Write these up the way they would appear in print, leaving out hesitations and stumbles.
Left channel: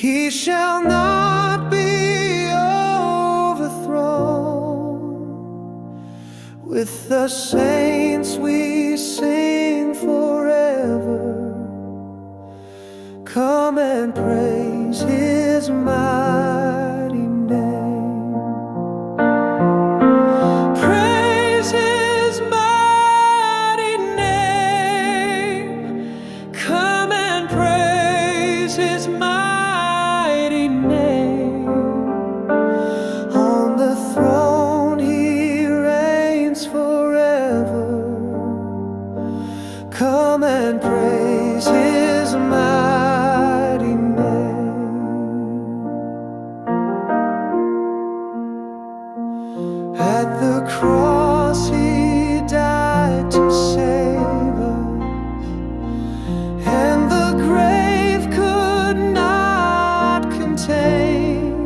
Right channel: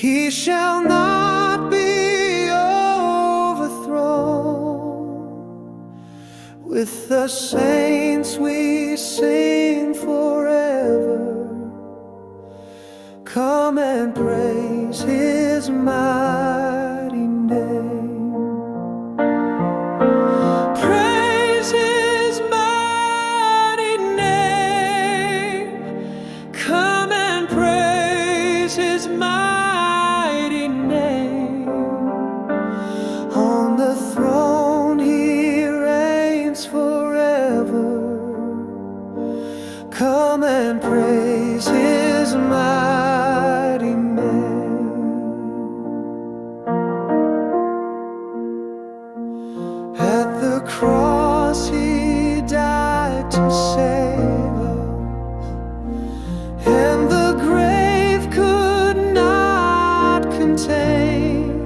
He shall not be overthrown. With the saints we sing forever. Come and praise His mighty name. Praise His mighty name. Come and praise His mighty name. On the throne He reigns forever. Come and praise His mighty name. At the cross He died to save us, and the grave could not contain.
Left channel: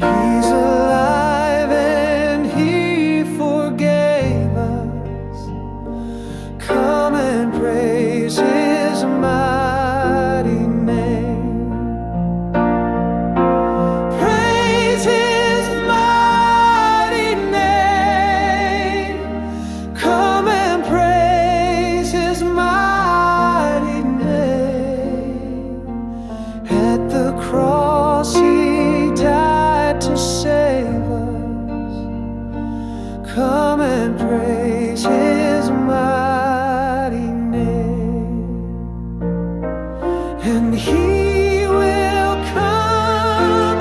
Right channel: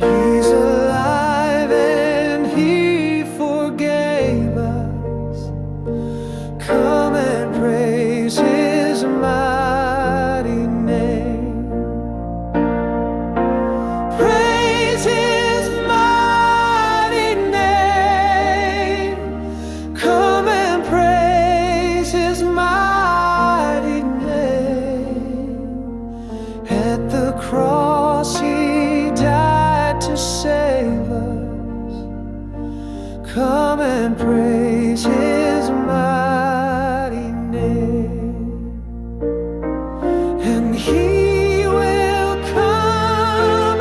He's alive and He forgave us. Come and praise His mighty name. Praise His mighty name. Come and praise His mighty name. At the cross He died to save us. Come and praise His mighty name. And He will come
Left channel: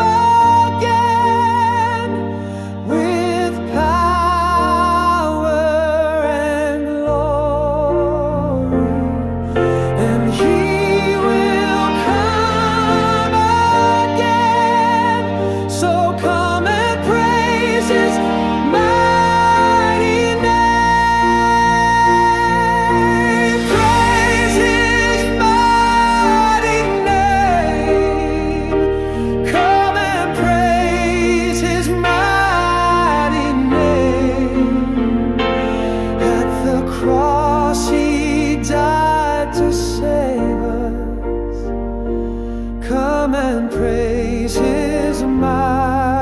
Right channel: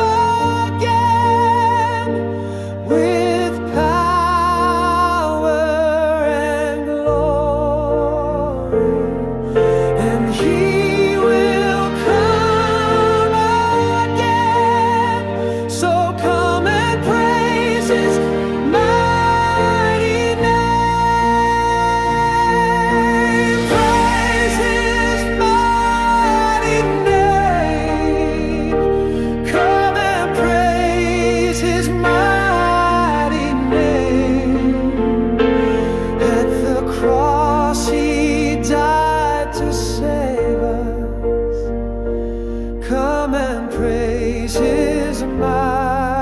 again with power and glory. And He will come again. So come and praise His mighty name. Praise His mighty name. Come and praise His mighty name. At the cross He died to save us. Come and praise His mighty